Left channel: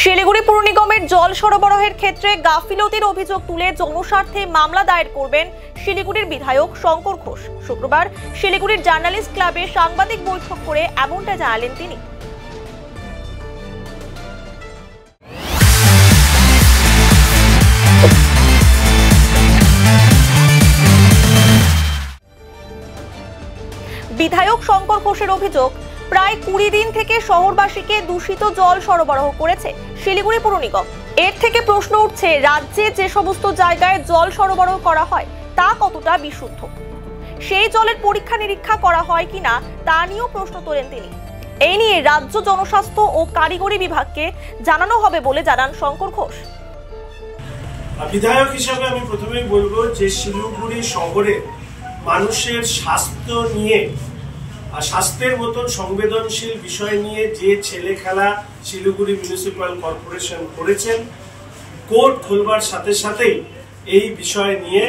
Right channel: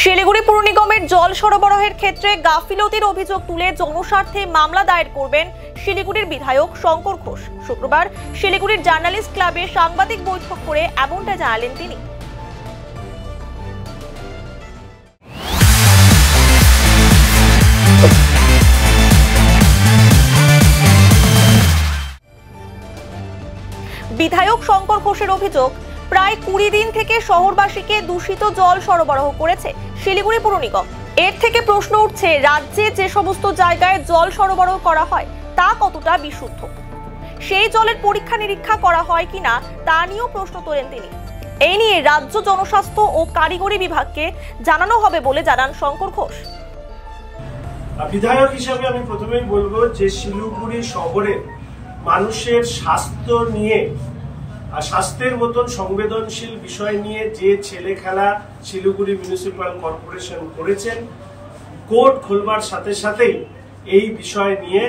শিলিগুড়ি পুর নিগমের জল সরবরাহের ক্ষেত্রে গাফিলতির অভিযোগ তুলে জনস্বার্থে মামলা দায়ের করবেন শিলিগুড়ির বিধায়ক শঙ্কর ঘোষ। শুক্রবার শিলিগুড়ির জার্নালিস্ট ক্লাবে সাংবাদিক বৈঠক করে এমনটা জানালেন তিনি। বিধায়ক শঙ্কর ঘোষের অভিযোগ, প্রায় 20 দিন থেকে শহরবাসীকে দূষিত জল সরবরাহ করেছে শিলিগুড়ি পুর নিগম। এর থেকে প্রশ্ন উঠছে, রাজ্যে যে সমস্ত জায়গায় জল সরবরাহ করা হয় তা কতটা বিশুদ্ধ, সেই জলের পরীক্ষা নিরীক্ষা করা হয় কিনা তা নিয়েও প্রশ্ন তোলেন তিনি। এই নিয়ে রাজ্য জনস্বাস্থ্য ও কারিগরি বিভাগকে জানানো হবে বলে জানান শঙ্কর ঘোষ। বিধায়ক হিসাবে আমি প্রথমেই বলবো যে শিলিগুড়ি শহরে মানুষের স্বাস্থ্য নিয়ে আর স্বাস্থ্যের মতন সংবেদনশীল বিষয় নিয়ে যে ছেলে খেলা শিলিগুড়ি মিউনিসিপাল কর্পোরেশন করেছেন, কোর্ট খোলবার সাথে সাথেই এই বিষয় নিয়ে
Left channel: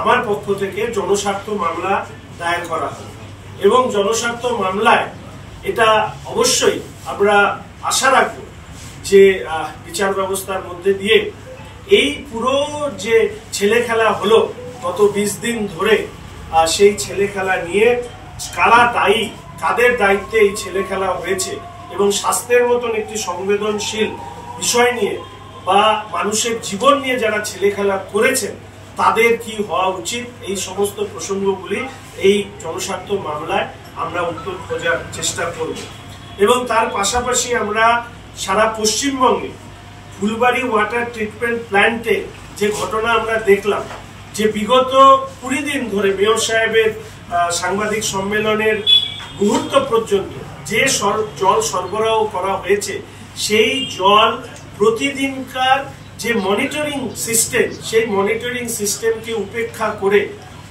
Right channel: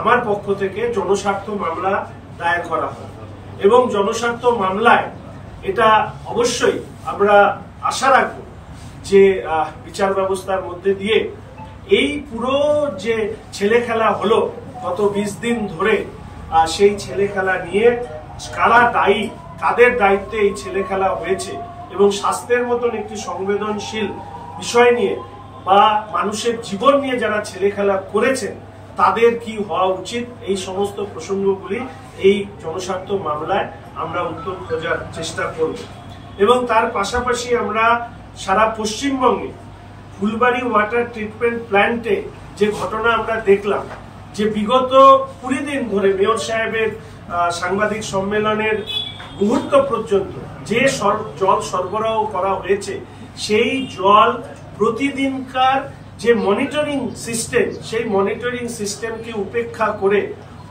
আমার পক্ষ থেকে জনস্বার্থ মামলা দায়ের করা হয় এবং জনস্বার্থ মামলায় এটা অবশ্যই আমরা আশা রাখবো যে বিচার ব্যবস্থার মধ্যে দিয়ে এই পুরো যে ছেলে খেলা হলো গত 20 দিন ধরে, সেই ছেলে খেলা নিয়ে কারা দায়ী, কাদের দায়িত্বে এই ছেলে খেলা হয়েছে এবং স্বাস্থ্যের মতন একটি সংবেদনশীল বিষয় নিয়ে বা মানুষের জীবন নিয়ে যারা ছেলে খেলা করেছেন তাদের কি হওয়া উচিত, এই সমস্ত প্রসঙ্গগুলি এই জনস্বার্থ মামলায় আমরা উত্তর খোঁজার চেষ্টা করব। এবং তার পাশাপাশি আমরা সারা পশ্চিমবঙ্গে ফুলবাড়ি ওয়াটার ট্রিটমেন্ট প্ল্যান্টে যে ঘটনা আমরা দেখলাম, যে বিগত 20 দিন ধরে মেয়র সাহেবের সাংবাদিক সম্মেলনের মুহূর্ত পর্যন্ত যে জল সরবরাহ করা হয়েছে, সেই জল প্রতিদিনকার যে মনিটরিং সিস্টেম, সেই মনিটরিং সিস্টেমকে উপেক্ষা করে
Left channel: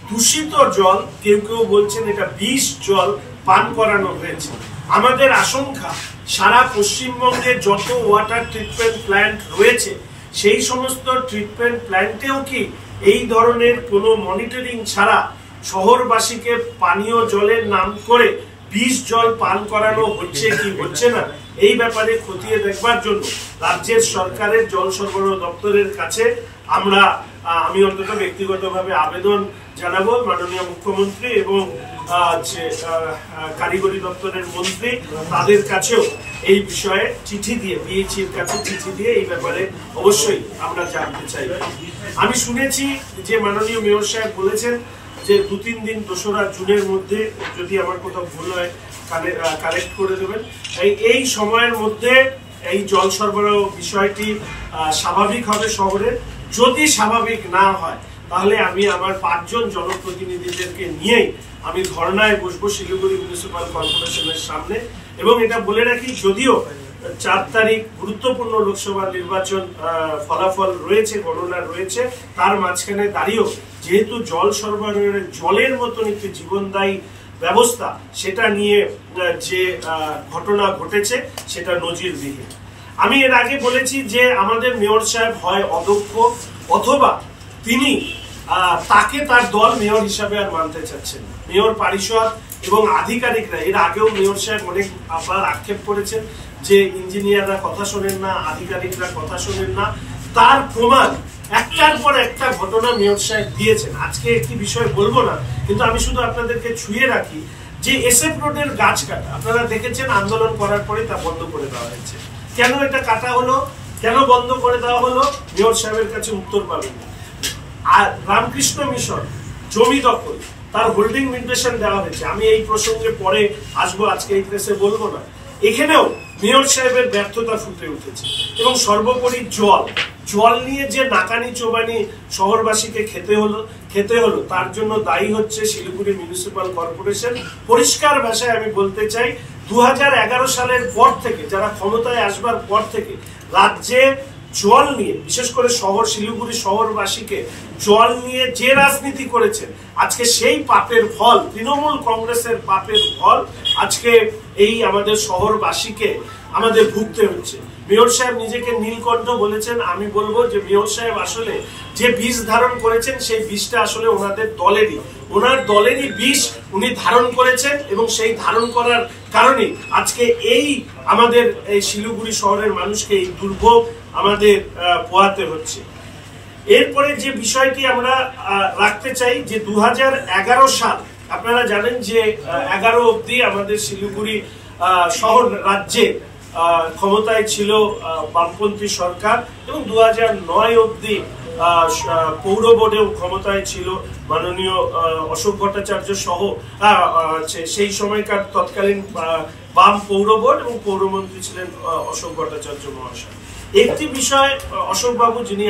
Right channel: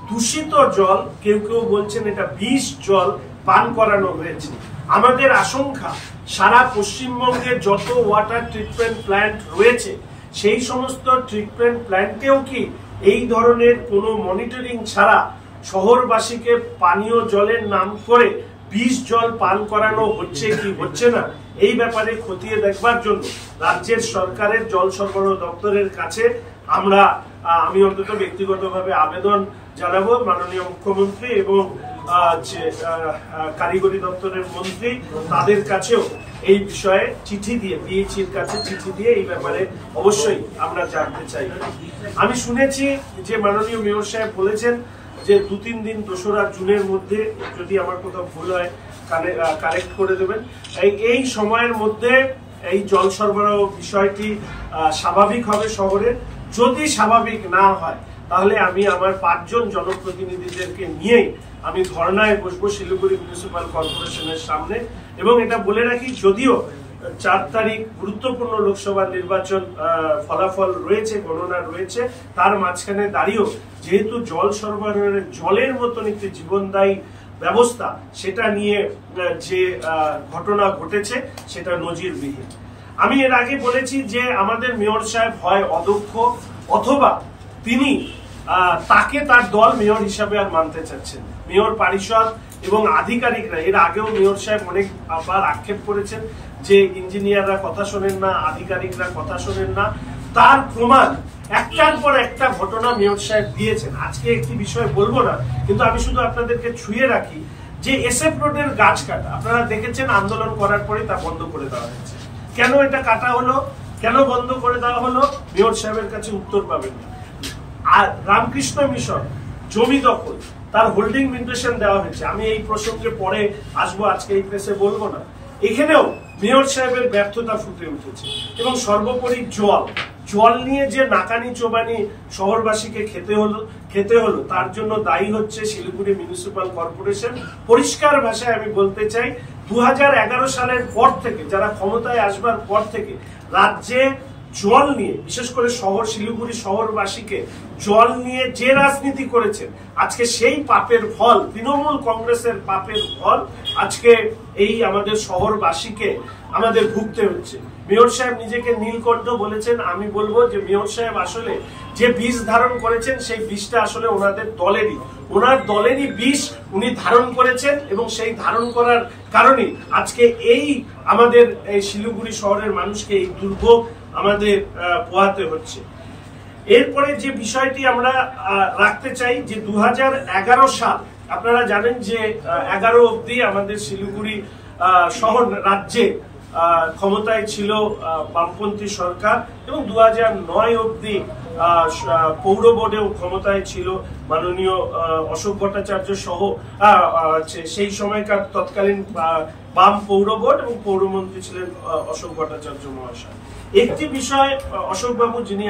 দূষিত জল, কেউ কেউ বলছেন এটা বিষ জল পান করানো হয়েছে। আমাদের আশঙ্কা সারা পশ্চিমবঙ্গে যত ওয়াটার ট্রিটমেন্ট প্ল্যান্ট রয়েছে সেই সমস্ত ট্রিটমেন্ট প্ল্যান্টেও কি এই ধরনের কোনো মনিটরিং ছাড়া শহরবাসীকে পানীয় জলের নাম করে বিষ জল পান করানো হচ্ছে কি হচ্ছে না, এই ব্যাপারে খতিয়ে দেখবার জন্য রাজ্যের সরকারের জল সরবরাহ দপ্তরের কাছে আমি অন্তত ব্যক্তিগতভাবে আবেদন জানাবো মাননীয় মুখ্যমন্ত্রী এবং কারিগরি দপ্তরের মন্ত্রী, তাদের কাছেও এই বিষয়ে চিঠি দিয়ে, বিএইচির কাছে চিঠি দিয়ে এই ব্যাপারে অবশ্যই আমরা জানতে চাই। আমি শুনেছি যে মাননীয় মেয়র সাহেব বলেছেন যে 2-3 দিন 2রা জুনের মধ্যে, যদি আমার কোথাও ভুল হয় কারেক্ট করে দেবেন, এই সময়ের মধ্যে এই জল সরবরাহ বিষয়টি স্বাভাবিক হবে শহরের। যদি স্বাভাবিক না হয় তাহলে আমি আমার 5 জন জনপ্রতিনিধিদেরকে নিয়েই আমি ধর্নায় বসবো শিলিগুড়ি মিউনিসিপাল কর্পোরেশনের সামনে। এবং এটা বলে রাখি, যদিও 4 তারিখ গুরুত্বপূর্ণ লোকসভা নির্বাচন ফলাফল রয়েছে, গণনা রয়েছে, তার মাঝখানে দাঁড়িয়েও যেহেতু জল সরবরাহের জলের মতন একটি জীবনদায়ী ব্যবস্থা, সেটা নিয়ে যে ঘটনা ঘটেছে সেটা নজিরবিহীন। আমি এর আগে বলেছি যে আমাদের মেয়র সাহেব হয় অদক্ষ, অথবা তিনি তাকে তার দল মেয়র হিসাবে আর মানতে চাচ্ছেন। মেয়র পরিষদ এবং আধিকারিকরা, এর আগেও মেয়র সাহেব অনেকবার আক্ষেপ করেছেন যে ইঞ্জিনিয়াররা কথা শোনেন না, আধিকারিকরা কথা শোনেন না। তার প্রমাণ একটার পর একটা ঘটনা মেয়র সাহেব দিয়েছেন। আজকে একটি বিষয় বলবো না, কিন্তু আমি শুধু আপনাদেরকে ছুঁয়ে রাখি যে SF রোডের গাছ কাটা, আপনারা দেখেছেন আন্দোলন করার পরে তা বন্ধ করে দেওয়া হয়েছে। কেন এটা কাটা হলো, কেন বন্ধ করে দেওয়া হলো, মেয়র সাহেবের কাছে উত্তর পাবেন না। আর রামকৃষ্ণ মিশন জমি দখল, তার হোল্ডিং মিউটেশন দেওয়া হয়েছে। আমি এই প্রসঙ্গে পরে আসবো, আজকে এই প্রেসে বলবো না। এখানেও মেয়র সাহেবের ব্যর্থতা ফুটে উঠেছে। এবং সর্বোপরি জল নিয়ে যে নাকানি চোবানি শহরবাসীকে খেতে হলো তার জন্য দায়ী হচ্ছে শিলিগুড়ি মিউনিসিপাল কর্পোরেশন। পরিষ্কার ভাষায় আমি বলতে চাই, 2011 সালের পর থেকে, যারা ক্ষমতায় আসবার পর থেকে রাজ্যে জল নিয়ে, বিশেষ করে শিলিগুড়ি শহরবাসীকে জল নিয়ে যে রাজনীতি করেছেন, আজকে সেই পাপের ফল, তৃণমূল কংগ্রেসের পাপের ফল আজকে এই আমাদের শহরবাসীকে আমাদের ভুগতে হচ্ছে। মেয়র সাহেব নিজেকে নীলকণ্ঠ বলেছেন, আমি বলবো যে মেয়র সাহেব আসলে যে বিষ ধারণ করেছেন সেই বিষটা আসলে ওনাদের ওনার দলেরই বিষ উনি ধারণ করেছেন, এবং সেই ধারণ করার কারণে আজকে এই আমাদের এই শিলিগুড়ি শহরের মানুষকে এই দুর্ভোগ আমাদের পোহাতে হচ্ছে। এরপরে যে বিষয়টি আমরা রাখতে চাই যে 2011 সাল, আপনারা জানেন যে 11 অবধি আমাদের শিলিগুড়ি শহর রাজ্যে ক্ষমতায় ছিল বামপন্থী সরকার, এবং 2009 অবধি পৌর বোর্ডেও ক্ষমতায় ছিল মাননীয় অশোক ভট্টাচার্য সহ সেই সময়কার তৎকালীন বাম পৌর বোর্ড, এবং পৌরমন্ত্রী ছিলেন অশোক ভট্টাচার্য মহাশয়। একটি বিষয় অশোকবাবু, যিনি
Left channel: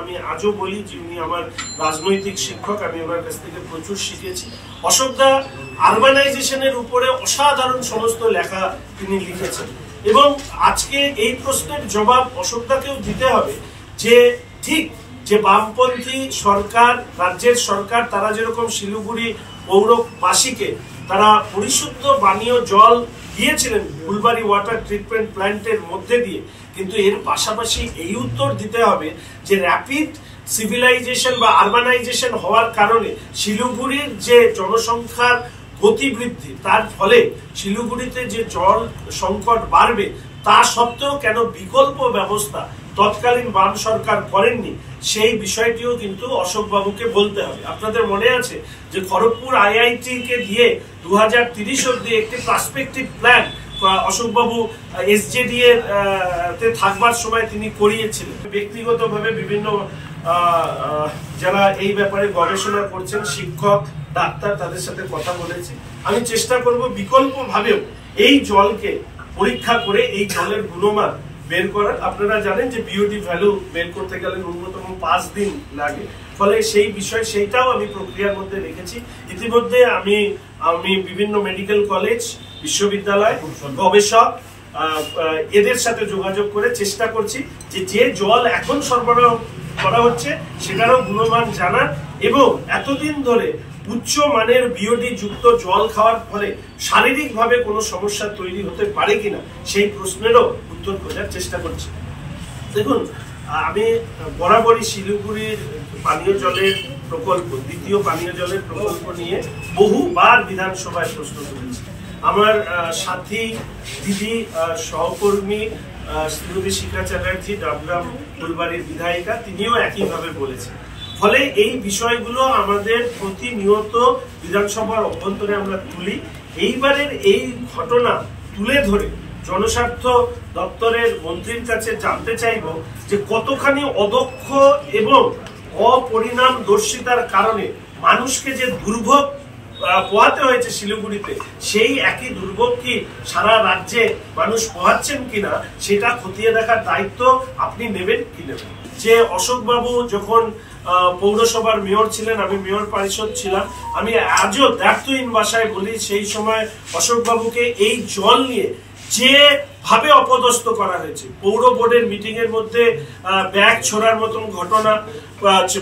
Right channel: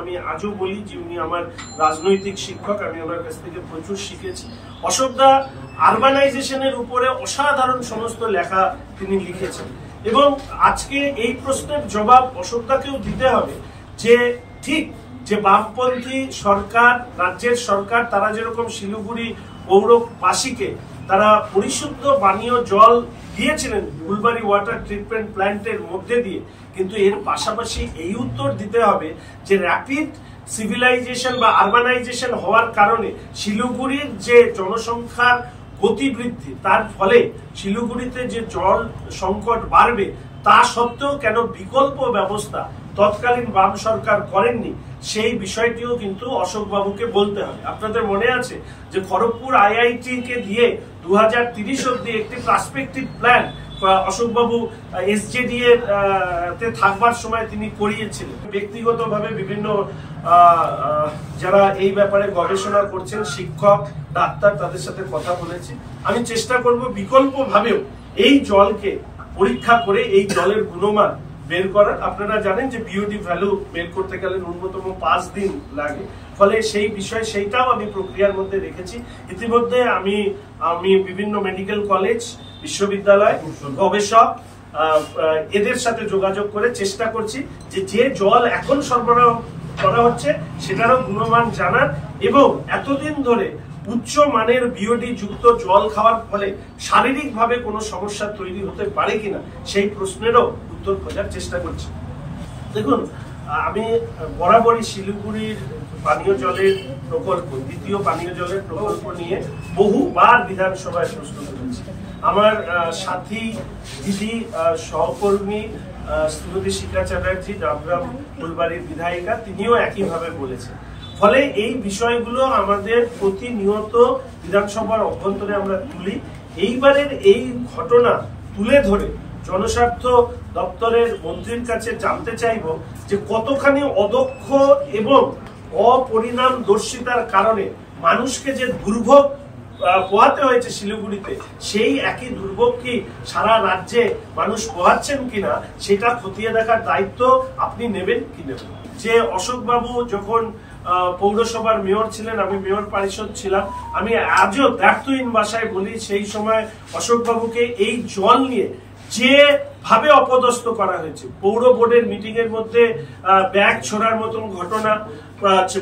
আমি আজও বলি যিনি আমার রাজনৈতিক শিক্ষক, আমি ওনার কাছ থেকে প্রচুর শিখেছি। অশোকদা আরবানাইজেশনের উপরে অসাধারণ সমস্ত লেখা তিনি লিখেছেন, এবং আজকে এই প্রশ্নের জবাব অশোকদাকেও দিতে হবে যে ঠিক যে বামপন্থী সরকার, রাজ্যের সরকার, তারা যেরকম শিলিগুড়ি পৌরবাসীকে তারা পরিশুদ্ধ পানীয় জল দিয়েছিলেন ফুলবাড়ি ওয়াটার ট্রিটমেন্ট প্ল্যান্টের মধ্যে দিয়ে, কিন্তু এর পাশাপাশি এই উত্তর দিতে হবে যে র্যাপিড সিভিলাইজেশন বা আরবানাইজেশন হওয়ার কারণে শিলিগুড়ির যে জনসংখ্যার গতিবৃদ্ধি, তার ফলে শিলিগুড়িতে যে জল সংকট বাড়বে, তা সত্ত্বেও কেন বিকল্প ব্যবস্থা তৎকালীন বাম সরকার করেননি, সেই বিষয়টিও কিন্তু অশোকবাবুকে বলতে হবে। আপনাদের মনে আছে যে খড়গপুর আইআইটি কে দিয়ে 2030 অবধি একটি পার্সপেক্টিভ প্ল্যান অশোকবাবু এসজেডি এর তে থাকবার সময় তিনি করিয়েছিলেন। ব্যক্তিগতভাবে বিভিন্ন যারা এই ব্যাপারে গবেষণা করছেন, শিক্ষক, ডাক্তার, তাদের সাথে কথা বলেছি। আমি চেষ্টা করব বিকল্প ভাবেও এই জলকে পরীক্ষা করে এই জলের গুণমান বের করার। আপনারা জানেন যে বিওডি ভ্যালু বের করতে গেলে ন্যূনতম 5 দিন লাগে, ফলে সেই বিষয় সেইটাও আমি প্রক্রিয়ার মধ্যে রেখেছি। ইতিমধ্যে আমি বিভিন্ন মেডিকেল কলেজ, বিশ্ববিদ্যালয়, গবেষক এদের সাথে যোগাযোগ করে চেষ্টা করছি যে জল এখন সরবরাহ করা হচ্ছে সেটারও গুণমান জানার, এবং এতদিন ধরে উচ্চ মানের বিওডি যুক্ত জল খাওয়ার ফলে শারীরিকভাবে কোনো সমস্যা তৈরি হতে পারে কিনা সেই প্রশ্নেরও উত্তর খোঁজার চেষ্টা করছি। দেখুন, আমি বরাবরই শিলিগুড়ির পানীয় জলের প্রকল্প, দ্বিতীয় পানীয় জলের প্রকল্প নিয়ে বহুবার বিধানসভায় প্রশ্ন তুলেছি। আমার সাথী দিদি সহকর্মী শ্রীমতী শিখা চ্যাটার্জি, ডাবগ্রাম ফুলবাড়ির বিধায়িকা, তিনিও একইভাবে বলেছেন। ফলে এই বিষয়গুলো আমাদের প্রতিনিয়ত বিধানসভার অভ্যন্তরে আমরা তুলি। এইবারের এই ঘটনা তুলে ধরে জনস্বার্থ দপ্তরের মন্ত্রীর কাছে জানতে চাইব যে কতখানি অদক্ষ এবং অপরিণামদর্শিতার কারণে মানুষকে যে দুর্ভোগ পোহাতে হয়েছে শিলিগুড়িতে, সেই একই দুর্ভোগ কি সারা রাজ্যে মানুষ পোহাচ্ছেন কিনা সেটা খতিয়ে দেখার দায়িত্ব আপনি নেবেন কি নেবেন। যে অশোকবাবু যখন পৌরসভার মেয়র ছিলেন, আমি মেয়র পরিষদ ছিলাম, আমি আজও দ্ব্যর্থহীন ভাষায় বলি সেই সময় অশোকবাবুকে এই জল নিয়ে যে ভাবে অপদস্থ করা হয়েছে, পৌর বোর্ডের মিটিং এর মধ্যে ব্যাগ ছোড়ার মতন ঘটনা,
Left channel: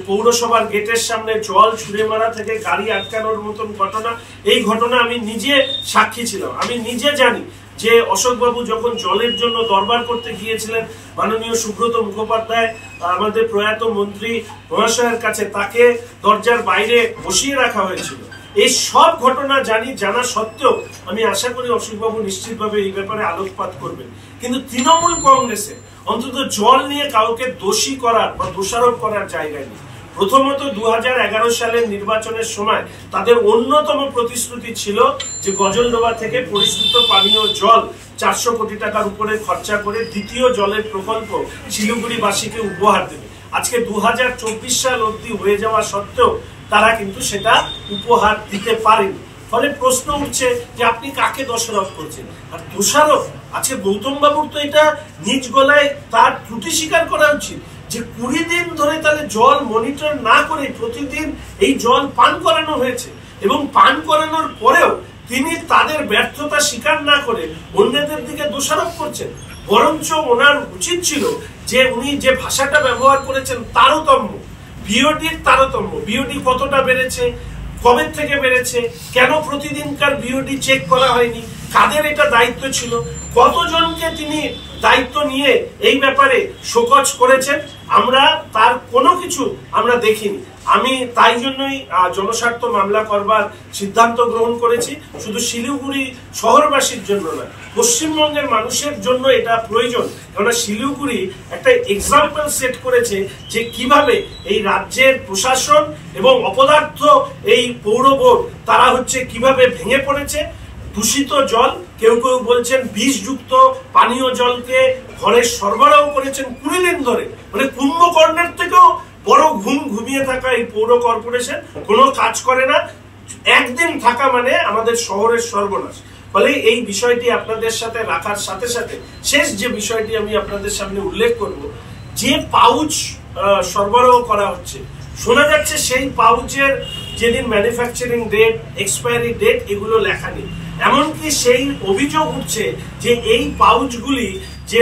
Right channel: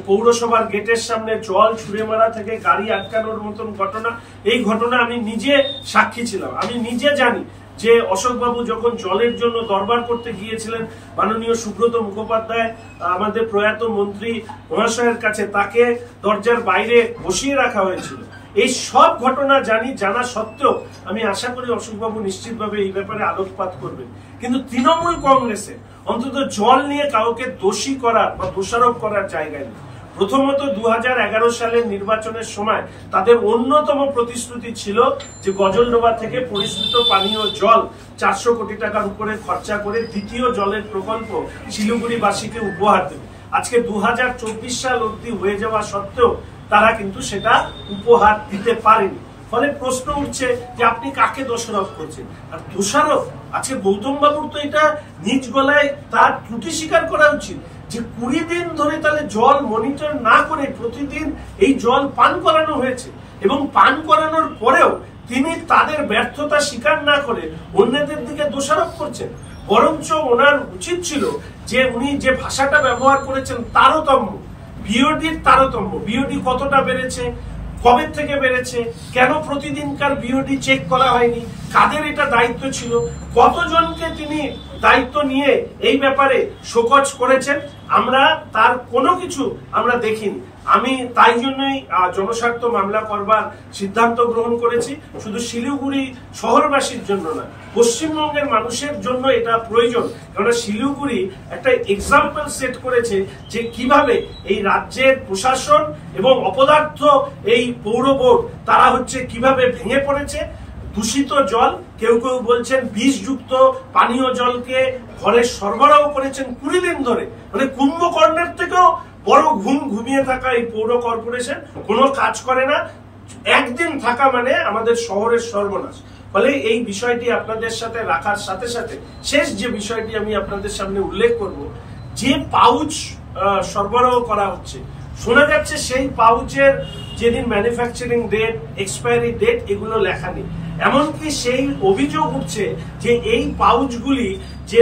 পৌরসভার গেটের সামনে জল ছুঁড়ে মারা থেকে গাড়ি আটকানোর মতন ঘটনা, এই ঘটনা আমি নিজে সাক্ষী ছিলাম। আমি নিজে জানি যে অশোকবাবু যখন জলের জন্য দরবার করতে গিয়েছিলেন মাননীয় সুব্রত মুখোপাধ্যায় আমাদের প্রয়াত মন্ত্রী মহাশয়ের কাছে, তাকে দরজার বাইরে বসিয়ে রাখা হয়েছিল। এই সব ঘটনা জানা সত্ত্বেও আমি আশা করি অশোকবাবু নিশ্চিতভাবে এই ব্যাপারে আলোকপাত করবেন। কিন্তু তৃণমূল কংগ্রেসে অন্তত জল নিয়ে কাউকে দোষী করার বা দোষারোপ করার জায়গায় নেই। প্রথমত 2011 সালের নির্বাচনের সময় তাদের অন্যতম প্রতিশ্রুতি ছিল যে গজলডোবা থেকে পরিশোধিত পানীয় জল 400 কোটি টাকার উপরে খরচা করে দ্বিতীয় জলের প্রকল্প শিলিগুড়িবাসীকে উপহার দেবে। আজকে 2024 সাল অবধি হয়ে যাওয়া সত্ত্বেও তারা কিন্তু সেটা উপহার দিতে পারেনি। ফলে প্রশ্ন উঠছে যে আপনি কাকে দোষারোপ করছেন। আর দোষারোপ আজকে গৌতম বাবুর তো এটা নিজ গলায় তার ত্রুটি স্বীকার করা উচিত যে 20 দিন ধরে তাহলে জল মনিটর না করে প্রতিদিন এই জল পান করানো হয়েছে, এবং পান করানোর পরেও তিনি তাদের ব্যর্থতা স্বীকার না করে অন্যদের দিকে দোষারোপ করছেন। বরঞ্চ ওনার উচিত ছিল যে উনি যে ভাষাটা ব্যবহার করেছেন তারতম্য, বিওডির তারতম্য, বিওডি কতটা বেড়েছে, কবে থেকে বেড়েছে, কেন প্রতিদিনকার বিওডি চেক করা হয়নি, কাদের এটা দায়িত্ব ছিল, কতজনকে তিনি দায়িত্ব নিয়ে এই ব্যাপারে শোকজ করেছেন, আমরা তার কোনো কিছু আমরা দেখিনি। আমি তাই জন্যই জনস্বার্থ মামলা করবার সিদ্ধান্ত গ্রহণ করেছি। শুধু শিলিগুড়ি শহরবাসীর জন্য নয়, পশ্চিমবঙ্গের মানুষের জন্য এটা প্রয়োজন। কারণ শিলিগুড়ি একটা এক্সাম্পল সেট করেছে যে কিভাবে এই রাজ্যের প্রশাসন এবং অপদার্থ এই পৌর বোর্ড তারা হচ্ছে কিভাবে ভেঙে পড়েছে। দূষিত জল, কেউ কেউ বলছেন বিষযুক্ত পানীয় জলকে ঘরে সরবরাহ করেছেন 20 দিন ধরে। মানে কুম্ভকর্ণের থেকেও বড় ঘুমিয়ে থাকা এই পৌর কর্পোরেশন কোনো কাজ করে না। একদিন থাকা মানে আমাদের শহরের সর্বনাশ। ফলে এই বিষয়টি আপনাদের সাথে রাখার সাথে সাথে শেষ যে বিষয়টি আমি আপনাদের সামনে উল্লেখ করব, যে পাউচ সরবরাহ করা হচ্ছে, শোনা যাচ্ছে সেই পাউচের যেদিন ম্যানুফ্যাকচারিং ডেট, এক্সপায়ারি ডেট এগুলো লেখা নেই। এমনকি সেই অভিযোগ উঠছে যে এই পাউচগুলি যে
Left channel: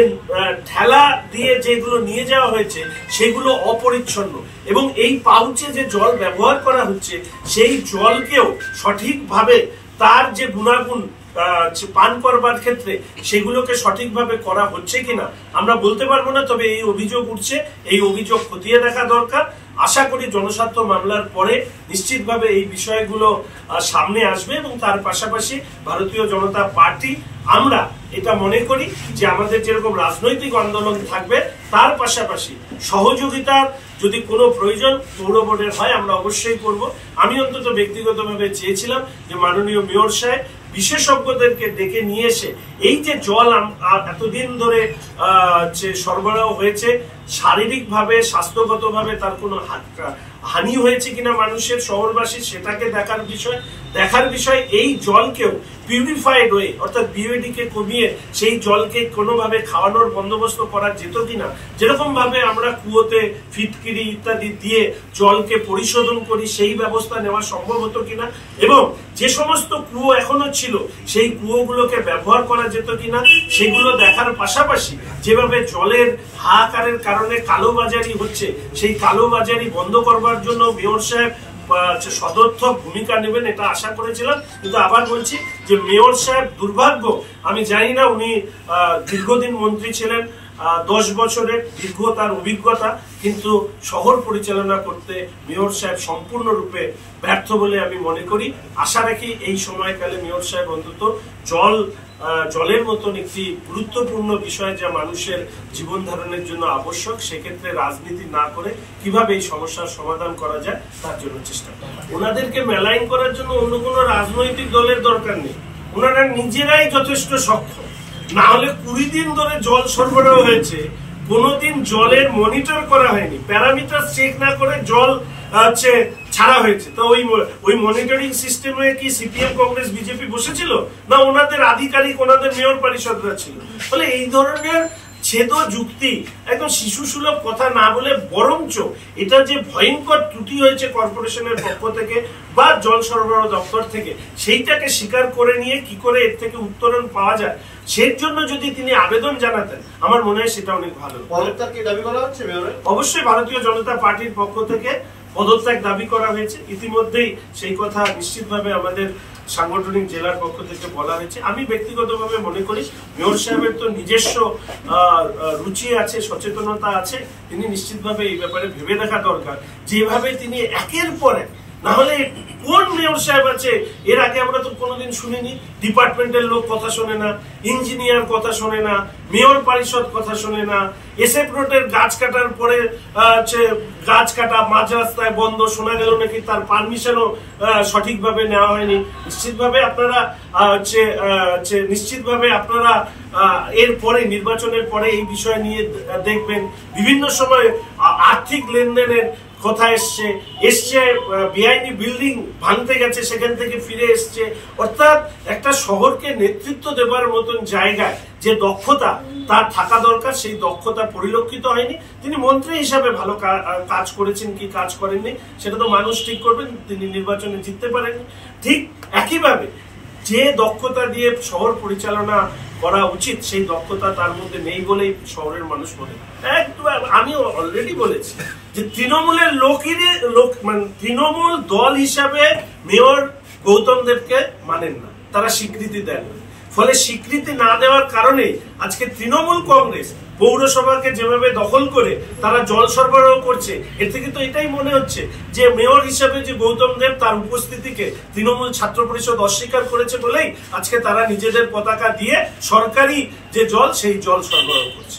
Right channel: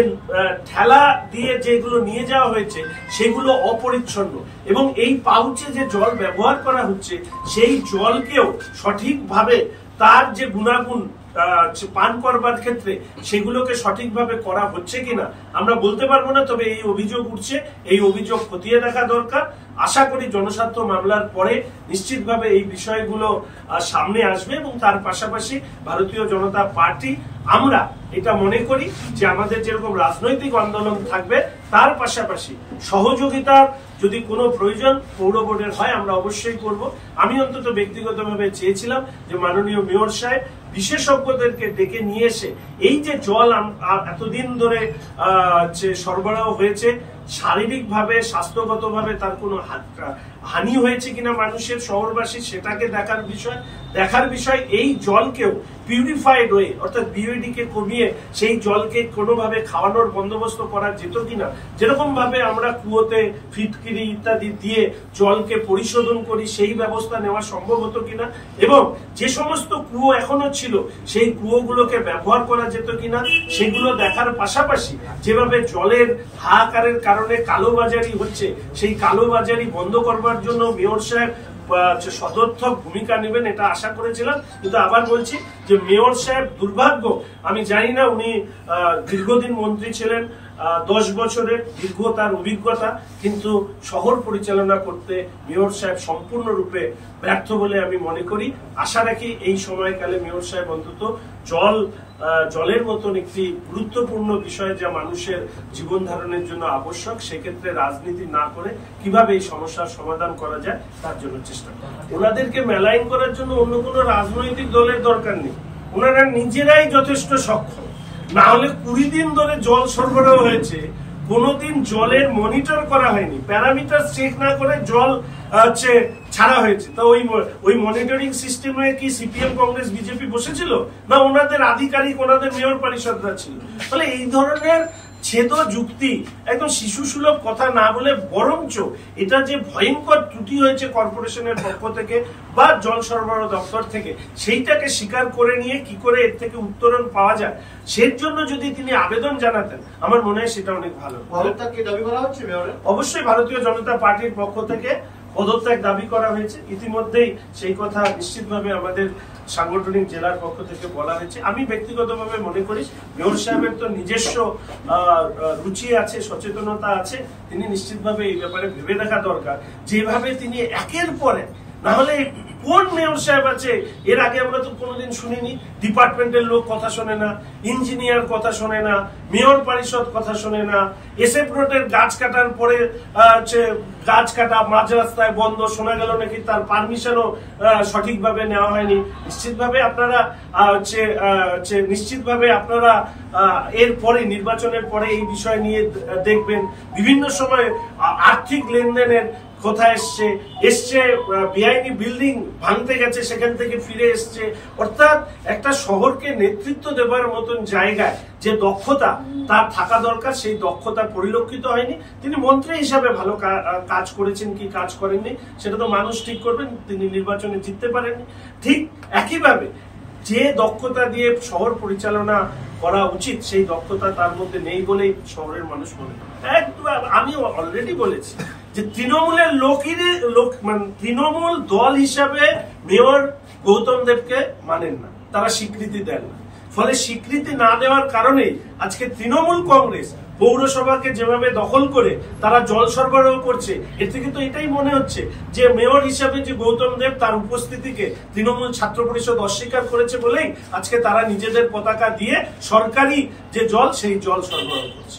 ঠেলা দিয়ে যেগুলো নিয়ে যাওয়া হয়েছে সেগুলো অপরিচ্ছন্ন, এবং এই পাউচে যে জল ব্যবহার করা হচ্ছে সেই জলকেও সঠিকভাবে তার যে গুণাগুণ পান করবার ক্ষেত্রে সেগুলোকে সঠিকভাবে করা হচ্ছে কিনা আমরা বলতে পারবো না। তবে এই অভিযোগ উঠছে, এই অভিযোগ খতিয়ে দেখা দরকার। আশা করি জনস্বার্থ মামলার পরে নিশ্চিতভাবে এই বিষয়গুলো সামনে আসবে, এবং তার পাশাপাশি ভারতীয় জনতা পার্টি আমরা এটা মনে করি যে আমাদের যেরকম রাজনৈতিক আন্দোলন থাকবে তার পাশাপাশি সহযোগিতার যদি কোনো প্রয়োজন পৌর বোর্ডের হয় আমরা অবশ্যই করব। আমি অন্তত ব্যক্তিগতভাবে চেয়েছিলাম যে মাননীয় মেয়র সাহেব বিশেষজ্ঞদেরকে ডেকে নিয়ে এসে এই যে জল এতদিন ধরে সরবরাহ হয়েছে, শারীরিকভাবে স্বাস্থ্যগতভাবে তার কোনো হানি হয়েছে কিনা মানুষের, শহরবাসী, সেটাকে দেখার বিষয় এই জলকেও পিউরিফাইড ওয়ে অর্থাৎ বিওডি কে কমিয়ে সেই জলকে কোনোভাবে খাওয়ানোর বন্দোবস্ত করা যেত কিনা। যেরকম ভাবে আমরা কুয়োতে ফিটকিরি ইত্যাদি দিয়ে জলকে পরিশোধন করি সেই ব্যবস্থা নেওয়া সম্ভব হতো কিনা, এবং যে সমস্ত কুয়ো এখনো ছিল সেই কুয়োগুলোকে ব্যবহার করা যেত কিনা সেগুলো দেখার পাশাপাশি যেভাবে জলের হাহাকারের কারণে কালোবাজারি হচ্ছে সেই কালোবাজারি বন্ধ করবার জন্য মেয়র সাহেব সদর্থক ভূমিকা নেবেন এটা আশা করেছিলাম। কিন্তু আবার বলছি যে মেয়র সাহেব দুর্ভাগ্য, আমি জানি না উনি দীর্ঘদিন মন্ত্রী ছিলেন, 10 বছরের দীর্ঘ তার অভিজ্ঞতা, কিন্তু শহর পরিচালনা করতে মেয়র সাহেব সম্পূর্ণরূপে ব্যর্থ বলে আমি মনে করি। আশা রাখি এই সময়কালে মেয়র সাহেব অন্তত জলের মতন একটি গুরুত্বপূর্ণ বিষয় যা মানুষের জীবন ধারণের জন্য আবশ্যক, সেক্ষেত্রে রাজনীতি না করে কিভাবে এই সমস্যার সমাধান করা যায় তার জন্য চেষ্টা করেন। ওনাদেরকে মেলাইন করার জন্য অন্য কোনো রাজনৈতিক দলের দরকার নেই, ওনারা নিজেরাই যথেষ্ট সক্ষম। না হলে 20 দিন ধরে জল সরবরাহ হয়েছে, কোনোদিন জলের মনিটর করা হয়নি, প্যারামিটার চেক না করে জল ছাড়া হয়েছে। তো ওই মনিটরিং সিস্টেমে কি সিপিএম, কংগ্রেস, বিজেপি বসেছিল না ওনাদের আধিকারিক, ওনাদের মেয়র পরিষদরা ছিল? ফলে এই ধরনের ছেদ যুক্তি, একদম শিশু সুলভ কথা না বলে বরঞ্চ এটা যে ভয়ঙ্কর ত্রুটি হয়েছে কর্পোরেশনের পক্ষ থেকে বা জল সরবরাহ দপ্তর থেকে, সেইটাকে স্বীকার করে নিয়ে কি করে এর থেকে উত্তরণ পাওয়া যায় সেই জন্য যদি তিনি আবেদন জানাতেন আমার মনে হয় সেটা অনেক ভালো। অবশ্যই ভারতীয় জনতা পার্টির পক্ষ থেকে পদত্যাগ দাবি করা হয়েছে, ইতিমধ্যেই সেই কথা নিশ্চিতভাবে আমাদের সাংগঠনিক জেলার পক্ষ থেকে বলা হয়েছে। আমি ব্যক্তিগতভাবে মনে করি মেয়র সাহেবের তো নিজস্ব রুচি আছে, সচেতনতা আছে, তিনি নিশ্চিতভাবে এই ব্যাপারে ভেবে দেখা দরকার। যেভাবে তিনি একের পর এক, না হলে কোন মেয়র সাহেব আছে এর আগে আমরা তো কোনোদিন শুনিনি, ডিপার্টমেন্টের লোক কথা শোনে না, ইঞ্জিনিয়ার কথা শোনে না, মেয়র পরিষদ কথা শোনে না, এসএফ রোডের গাছ কাটার পরে গাছ কাটা মাঝ রাস্তায় বন্ধ, শোনা গেল নাকি তার পারমিশনও সঠিকভাবে নেওয়া হয়নি। নিশ্চিতভাবে আপনারা এর পরে নির্বাচনের পরে এই বিষয় নিয়ে দেখবেন বিভিন্ন সময় আর্থিক লেনদেনের কথা এসছে বেআইনি বিল্ডিং ভাঙতে গেছে, সেখান থেকে ফিরে এসছে। অর্থাৎ একটা শহরকে নেতৃত্ব দেবার মতন জায়গায় যে দক্ষতা তার থাকা দরকার সেই দক্ষতা পরিলক্ষিত হয়নি। তিনি মন্ত্রী হিসাবে ভালো কাজ করেছেন কি কাজ করেননি সেটা তো মানুষ ঠিক করবেন, তিনি নির্বাচনে জিততে পারেননি। ঠিক একইভাবে যে দক্ষতা দিয়ে শহর পরিচালনা করা উচিত সেই দক্ষতা তার মধ্যে নেই বলেই শহরের মানুষ মনে করে। আমি অলরেডি বলেছি যে তৃণমূলের তৃণমূল দল হিসাবে মেয়র গৌতম দেবকে মানেন না, তারা স্বীকৃতি দেন। ফলে স্বীকৃতি না দেওয়ার কারণে আজকে তৃণমূল কংগ্রেস পৌরসভাকে যেভাবে দখল করে তারা জল সরবরাহ করছে, এর থেকে তো এটাই মনে হচ্ছে যে মেয়র হিসেবে যে গৌতম দেব তার উপস্থিতিকে তৃণমূল ছাত্র পরিষদ অস্বীকার করেছে বলেই আজকে তারা নিজেদের পতাকা দিয়ে সরকারি যে জল সেই জল সরবরাহ করছে।